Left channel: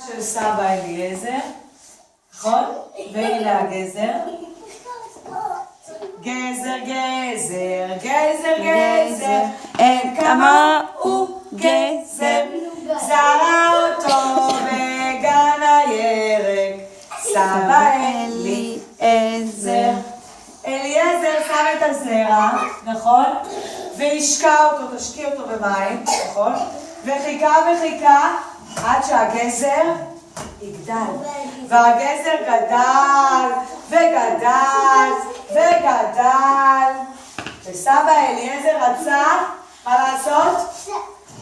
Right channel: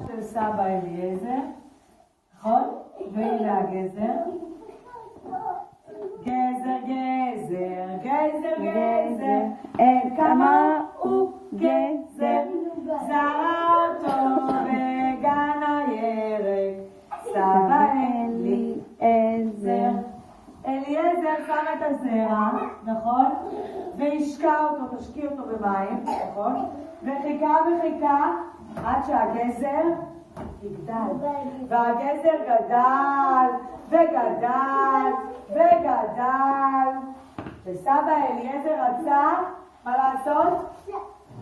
של סבא אליעזר, נכון? והנה הגזר. גזר, גזר, גזר, גזר, אין כמוהו גזר, זרע אותו בגן הירק, סבא אליעזר. אליעזר שם את הזרע, נכון? והשקע אותו, תשקיע אותו במים, נכון? וחיכה וחיכה עד שהגזר יגדל. והגזר גדל וגדל וגדל. וסבא אליעזר רצה, מה לעשות?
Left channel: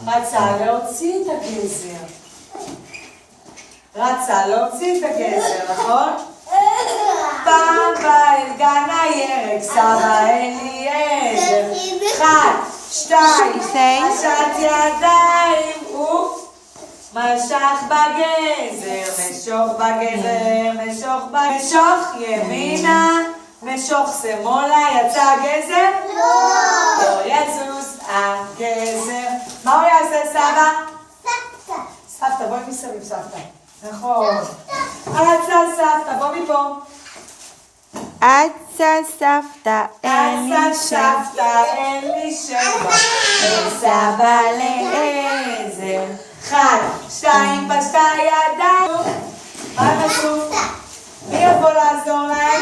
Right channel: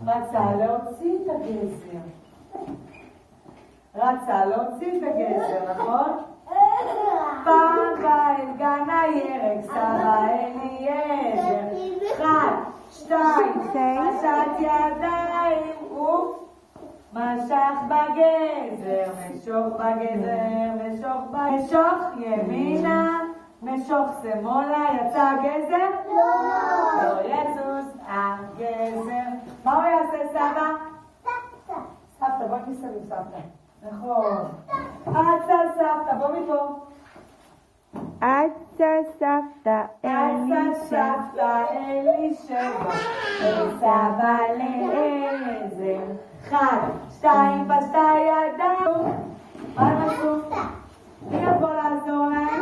רצה להוציא את הגזר. רצה להוציא את הגזר, נכון? פעם בא אל גן הירק, סבא אליעזר. 1, 2, פשט ידיים משך בגזר, משוך בגזר, משוך ימינה, משוך שמאלה, יצא הגזר? לא יזוז הגזר. מה הוא יעשה סבא? סבתא. סבתא, בואי מסביב סבתא. נכון. רצה סבתא, בוא מפה. אצה סבתא סבתא אלישבע, אל סבא אליעזר. 1, 2, פשטה ידיים. מה חשוב? מי יבוא לעזור להם?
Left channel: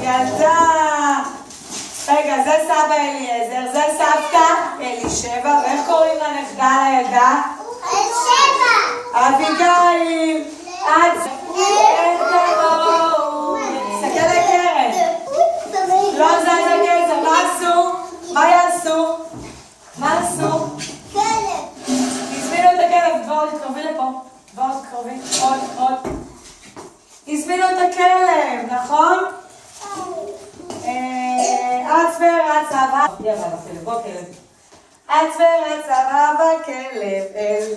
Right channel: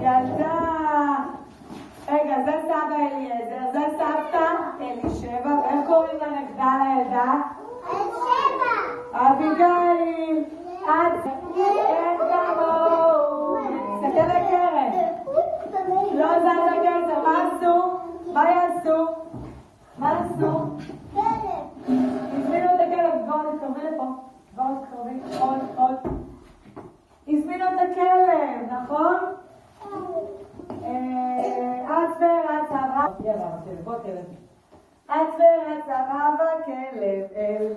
ילדה. רגע, זה סבא אליעזר, זה סבתא אלישבע, ואיך קוראים לנכדה לילדה? אלישבע. אביגיל. אין כמוהו. תסתכל לקרן. לא זז הגזר, מה עשו? מה יעשו? מה עשו? הזמינו את הכלב, דבורה תתקרבי לפה. דבורה תתקרבי, עוד. הזמינו את הכלב, נכון? אץ ורץ אבא. בוא כלב. אץ ורץ אבא בכלב אל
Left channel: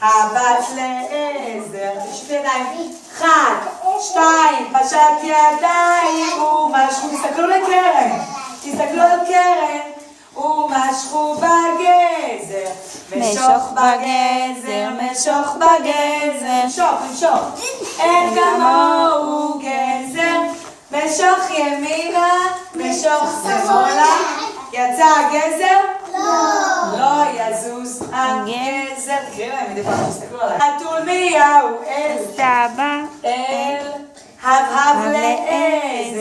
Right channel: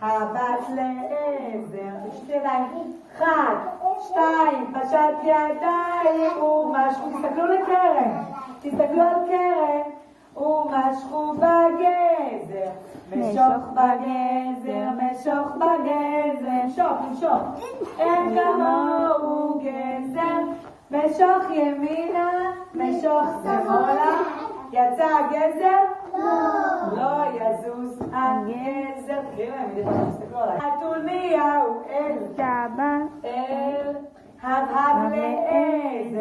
הבת לעזר. תשתי ידיים. 1, 2, פשט ידיים ומשכו. תסתכלו לקרן. תסתכלו על קרן. ומשכו בגזר. משוך בגזר, משוך בגזר. משוך. אין כמוהו גזר. משוך ימינה, משוך שמאלה. יצא הגזר? לא יזוז הגזר. תקראי להם מדי פעם, תסתכלו עליי. חתול מיהו אל סבא אל הבהב לעזר.